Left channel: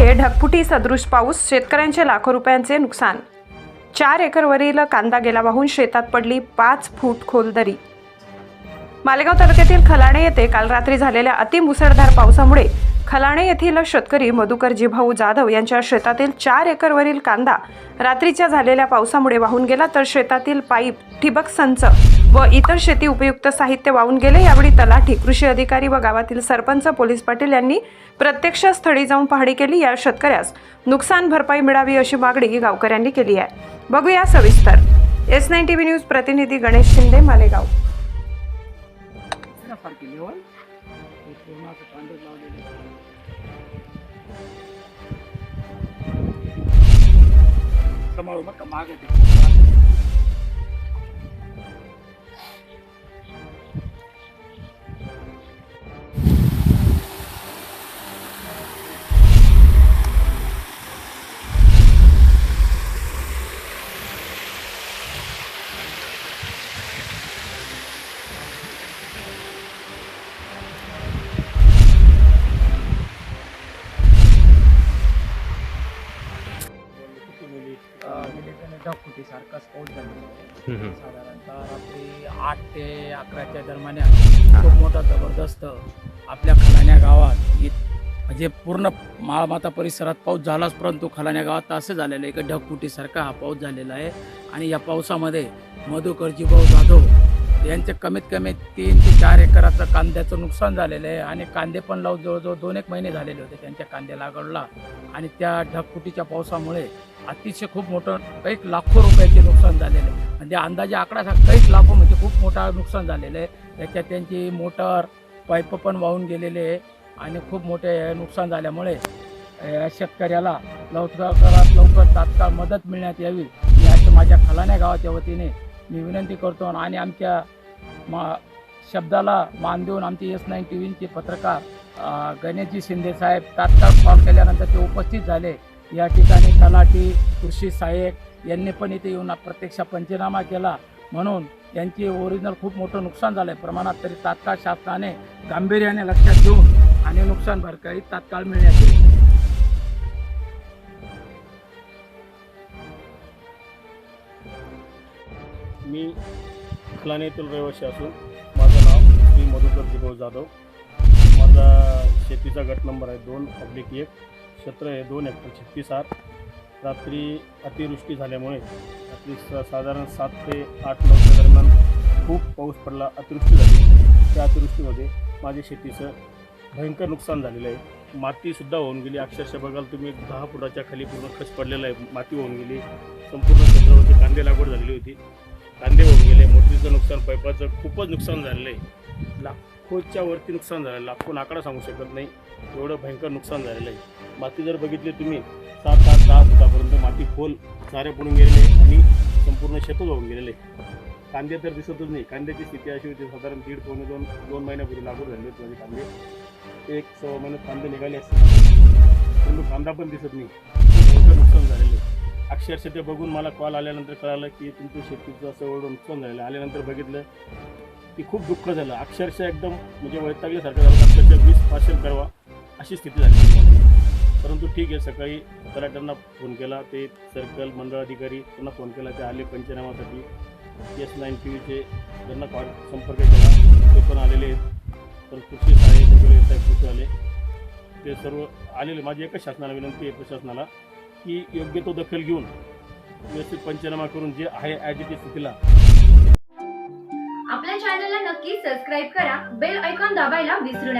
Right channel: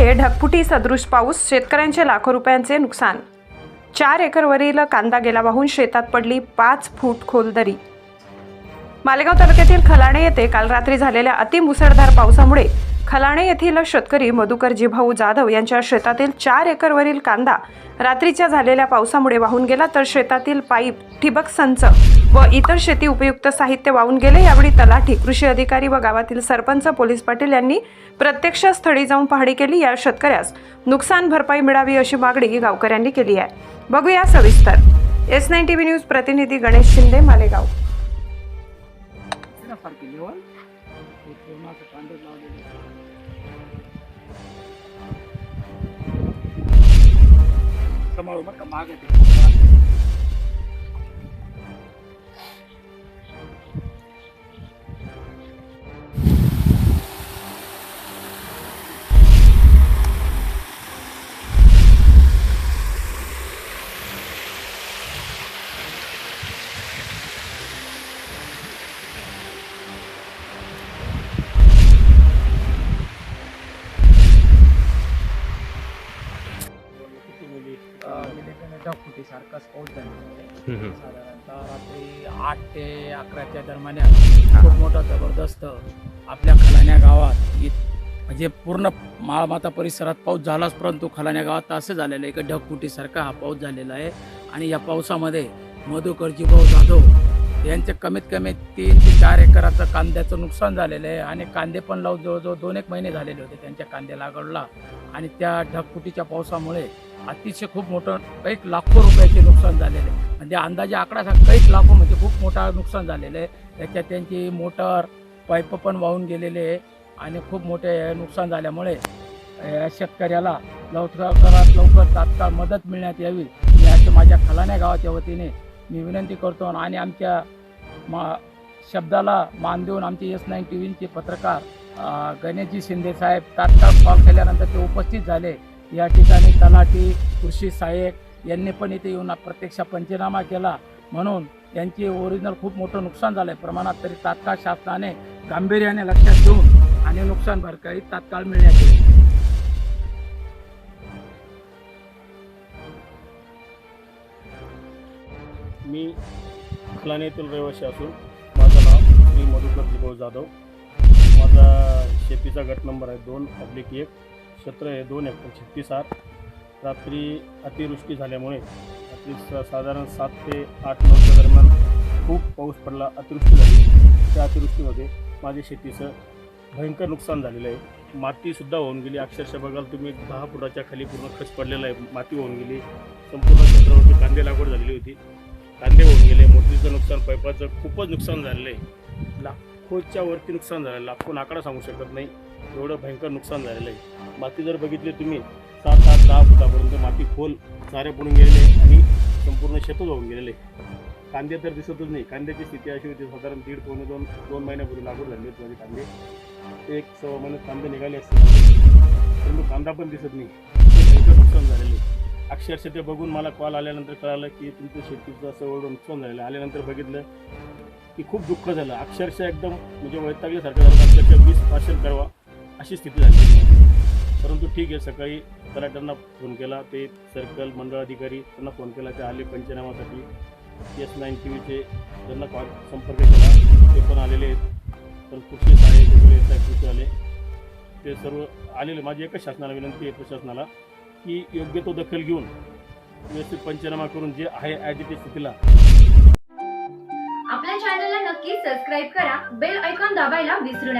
आहे ढगफुटी सदृश पाऊस शेतकऱ्यांचे लाखो रुपयांचे नुकसान. चार एकरवरील कांदा गेला वाहून शेतात पडली पाच फूट खोल दरी मालेगाव तालुक्यातील खलाणे येथे काल रात्री झालेल्या अतिमुसळधार पावसामुळे खलाणे येथील शेतकरी मधुकर जिभाऊ जाधव यांच्या शेतातील चार एकरवरील कांदा रात्रीच्या झालेल्या पावसामुळे वाहून गेला तर शेतातील पाईप ठिबक संच व इतर शेती उपयुक्त साहित्य वाहून गेले. यावेळी तलाठी कृषी अधिकारी व गावातील सरपंच पोलीस पाटील यांनी प्रत्यक्ष स्थळी जाऊन पाहणी केली. या शेतकऱ्यास नुकसान भरपाई मिळावी अशी मागणी गावकऱ्यांनी केली आहे. बघूया सविस्तर. S nine T V news प्रतिनिधी गणेश शिंदे मालेगाव. सारखी सारखाच पाऊस झालेला आहे. साधारणतः रात्री आठ ते अकराच्या दरम्यान खूप मोठा जबरदस्त आपल्या खलाण्या गावात म्हणजे पूर्ण माळमाता परिसरात पाऊस झालाच परंतु खलाण्या गावात असं झालेलं आहे की ढगफुटीसारखा हा पाऊस झालेला आहे. आणि या पावसामध्ये मधुकरजी भाऊ जाधव यांचे कमीत कमी तीन ते चार एकराचं कांद्याचं नुकसान झालेलं आहे. आणि कांदे पण लावून जवळजवळ दोन एक महिने झालेले होते त्यांच्या कांदे लागवडला. आणि त्या ढगफुटीच्या पावसामुळे अतिशय खूप मोठं कैक लाखो रुपयाचे नुकसान झालेलं आहे. म्हणजे अंदाजे आकडा कैक लाखो म्हणजे खूप मोठा नुकसान झालेलं आहे. त्याच्यात त्यांची मोटर पाईप पण वाहून गेलेले आहे. आणि खूप मोठे नुकसान झाल्यामुळे या शेतकऱ्याला लवकरात लवकर तात्काळ मदत मिळण्यात यावी मी माझ्या खलाण्या गावाच्या वतीने मी विनंती करतो आणि आमच्या मा शब्दाला मान देऊन आमचे एस नाईन टी व्हीचे पत्रकार गणेशजी शिंदे साहेब तात्काळ कॉल केल्यानंतर ते उपस्थित झाले. या ठिकाणी तलाठी कृषी सहाय्यक यांनी पण इथे येऊन प्रत्यक्ष पंचनामा केला. म्हणून यांचे ओरिजिनल खूप मोठं नुकसान झालं आहे प्रमाणात तरी तात्काळ शासनाने गांभीर्याने लक्षात घेऊन आणि नुकसान भरपाई तात्काळ मिळण्यात येईल. मी खलाने येथील रहिवासी असून माझं नाव श्री मधुकर जिभाऊ जाधव. माझा शेतीचा गट नंबर आहे दोन ऑब्लिक एक. क्षेत्र आहे दोन हेक्टर छत्तीस आठ रात्री अतिवृष्टी झाल्यामुळे रात्री स साधारण सात ते आठ नऊच्या दरम्यान खूप पाऊस पडला अतिवृष्टी झाली. त्या अतिवृष्टीमध्ये माझ्या शेतीचं भयंकर नुकसान झालेलं आहे. मातीसुद्धा होऊन गेली. अक्षरशः बघाल तुम्ही एक दहा फुटाच्या खाली पूर्ण खच पडलेला आहे. माती होऊन गेली. संपूर्ण क्षेत्रावरती कांदे लागवड झालेली होती. कांदे होऊन गेले मोटरीचं नुकसान पाईपाचं खूपच नुकसान झालेलं आहे. लाखोच्या वरती नुकसान झालं लाखो आकडा सांगू शकत नाही. एवढं भयंकर नुकसान झालेलं आहे. माती जर बघितली तुम्ही सात आठ दहा फुटापर्यंत माती खोल सारे पडून गेलेले आहे आणि संपूर्ण शेतच होऊन गेलेले आहे. कांदे तर दिसतच नाही. कांद्याची स्थिती अशी होती साधारण दीड पावणे दोन दोन महिन्यापूर्वी लागवड झाली होती माझे कांदे. एक सव्वा महिन्यात कांदे निघाले असते परंतु कांदा पण दिसत नाही. अक्षरशः ते बघून मला कॉल आल्यानंतर कळालं की तुमचं शेतीचं असं एवढं नुकसान झालेलं आल्यानंतर बघितलं की खूप दुःख झालं. अक्षरशः एकदम म्हणजे वैतागल्यासारखं झालं. अक्षरशः वीस पार्सल करावा अशी स्थिती झाली परंतु ठीक आहे सकाळी तलाट्यांना फोन केला. ते सर्कल मंडळ अधिकारी त्यांना फोन केला. ते आले पंचनामासाठी एस नाईन टी व्हीचे त्यांना कॉल संपर्क केला. ते पण आलेले आहेत. तर कृषी सहाय्यक वगैरे येत आहे कृषी आले ते सर्व आलेले. माझी एकच शासनाला विनंती आहे प्रशासनाला. की योग्य तो दखल घेऊन व्यवस्थित पंचनामा करून जे आहे ॲज इट स्थितीला आपल्या चॅनलला नक्की सबस्क्राईब करा बेल ऐकॉन दाबायला विसरू नका.